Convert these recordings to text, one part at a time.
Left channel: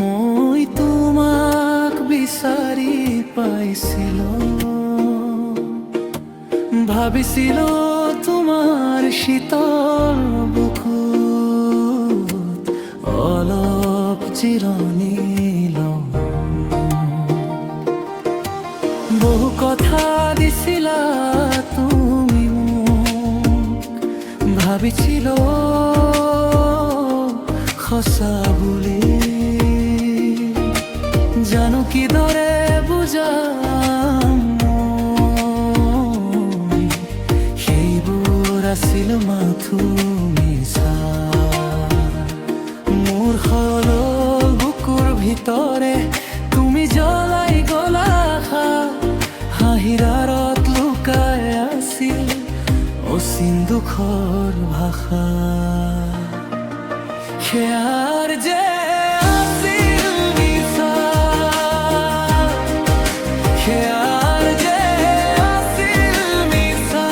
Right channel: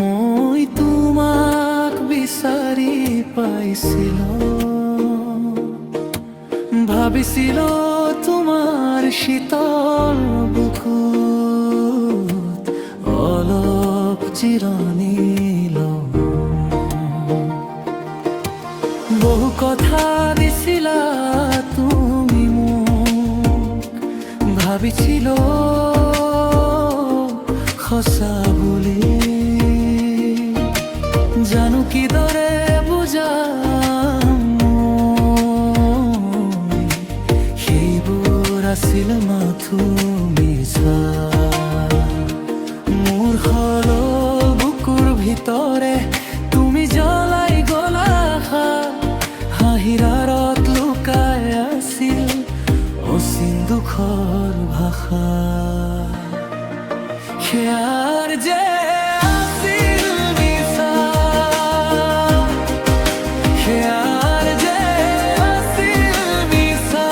মই তোমাক বিচাৰি পাইছিলো, ভাবিছিলো তোমাৰ শীতল বুকুত অলপ জিৰণি লওঁ। বহু কথা দিছিলা তুমি মোক, ভাবিছিলো সঁচা বুলি। জানো কিদৰে বুজাম মই, সেইবোৰ আছিল মাথো মিছা। মোৰ সৰল বুকুৰ ভিতৰে তুমি জ্বলাই গলা আশা, হাঁহিৰ আঁৰত লুকাই আছিল অচিন দুখৰ ভাষা। সেয়াৰ যে আছিল মিছা, সেয়াৰ যে আছিল মিছা।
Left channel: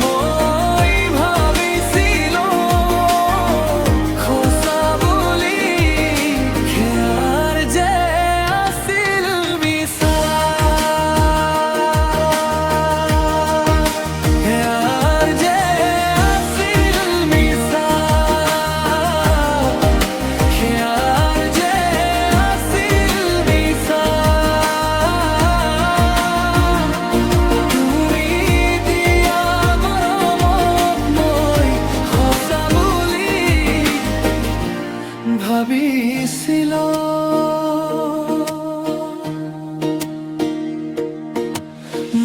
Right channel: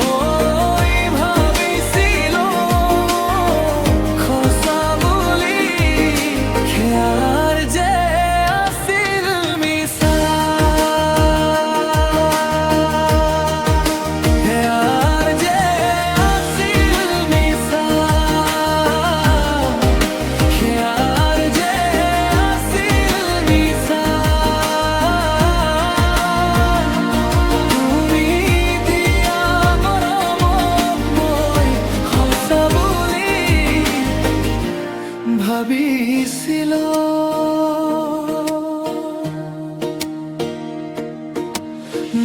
মই ভাবিছিলো সঁচা বুলি, সেয়াৰ যে আছিল মিছা। সেয়াৰ যে আছিল মিছা, সেয়াৰ যে আছিল মিছা। তুমি দিয়া মৰমক মই সঁচা বুলি ভাবিছিলো।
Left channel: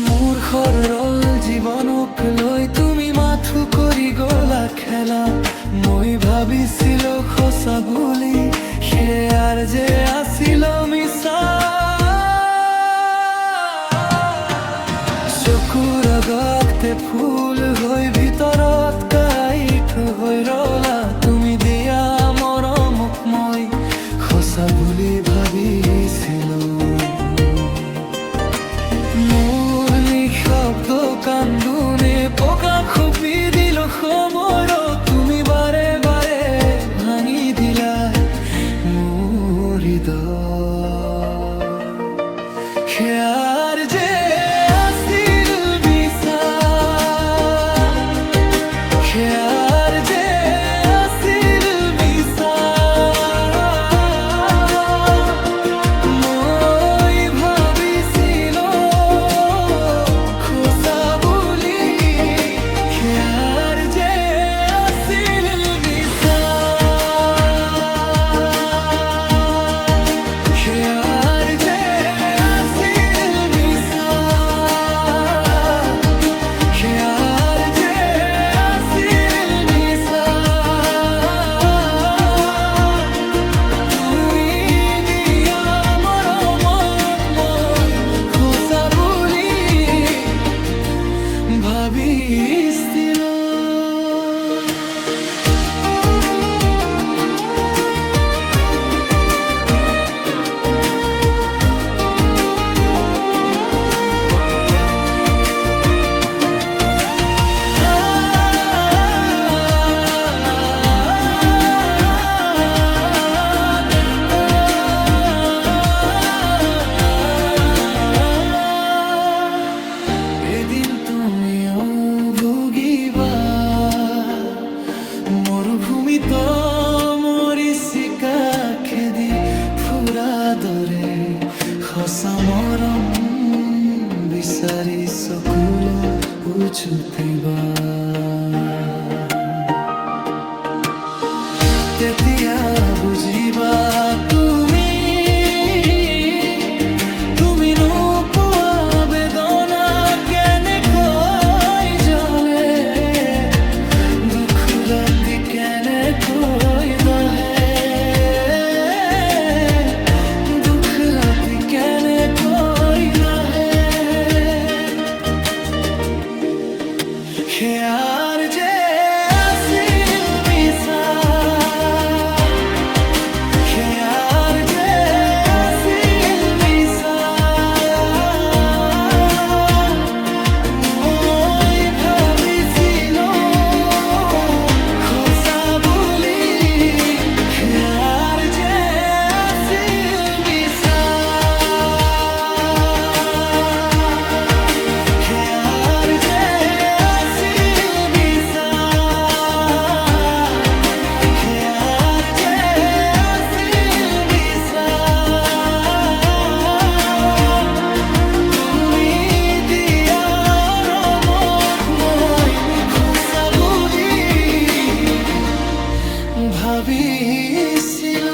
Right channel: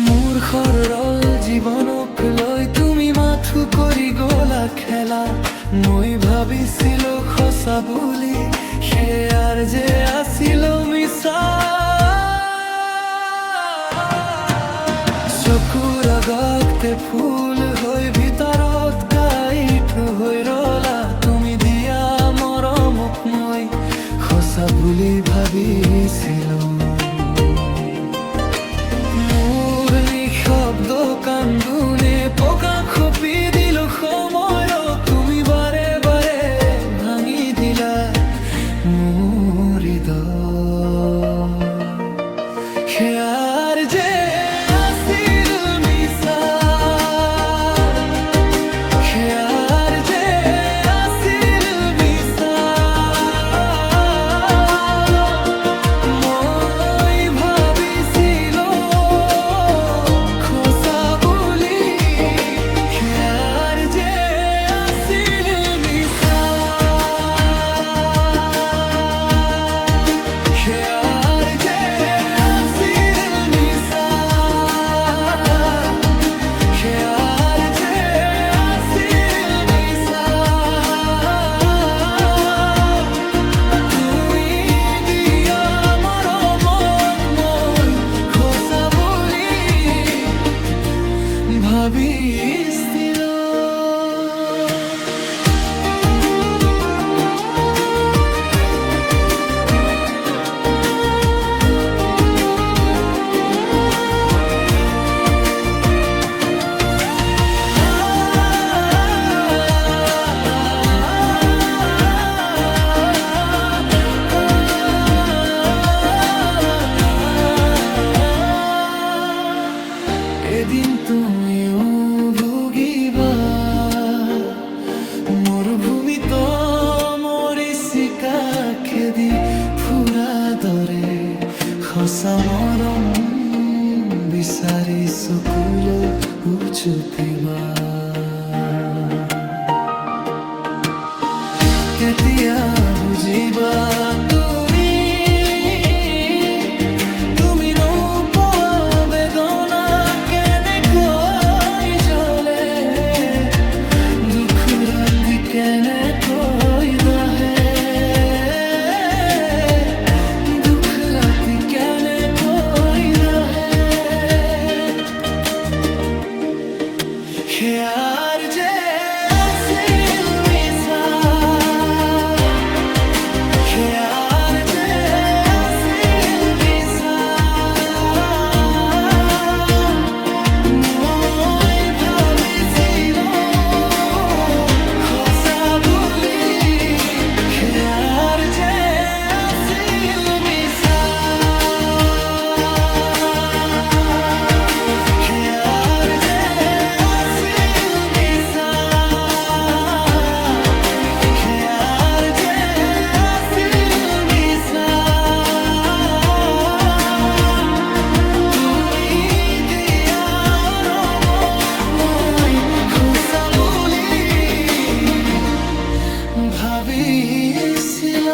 মোৰ সৰল জীৱনক লৈ তুমি মাথো কৰি গলা খেলা, মই ভাবিছিলো সঁচা বুলি, সেয়াৰ যে আছিল মিছা। চকুৰ আগতে ফুল হৈ ভিতৰত কাইট হৈ ৰলা, তুমি দিয়া মৰমক মই সঁচা বুলি ভাবিছিলো। মোৰ নিঃশব্দ কান্দোনে পকা খপি দিল সময়ত, তুমি বাৰে বাৰে ভাঙি দিলা মোৰ হৃদয়। সেয়াৰ যে আছিল মিছা, সেয়াৰ যে আছিল মিছা। মই ভাবিছিলো সঁচা বুলি, সেয়াৰ যে আছিল মিছা। সেয়াৰ যে আছিল মিছা, সেয়াৰ যে আছিল মিছা। তুমি দিয়া মৰমক মই সঁচা বুলি ভাবিছিলো। এদিন তুমিও ভুগিবা মৰুভূমিত মৰিচিকা খেদি ফুৰা দৰে, সঁচা মৰম বিচাৰি চকুলৈ উচুপিবা। তেতিয়া বুজিবা তুমি, তুমি নোপোৱা বেদনা কেনেকৈ জ্বলে, দুখ ৰাতি কেনেকৈ দহে, দুখ ৰাতি কেনেকৈ দহে। সেয়াৰ যে আছিল মিছা, সেয়াৰ যে আছিল মিছা। মই ভাবিছিলো ভাবিছিল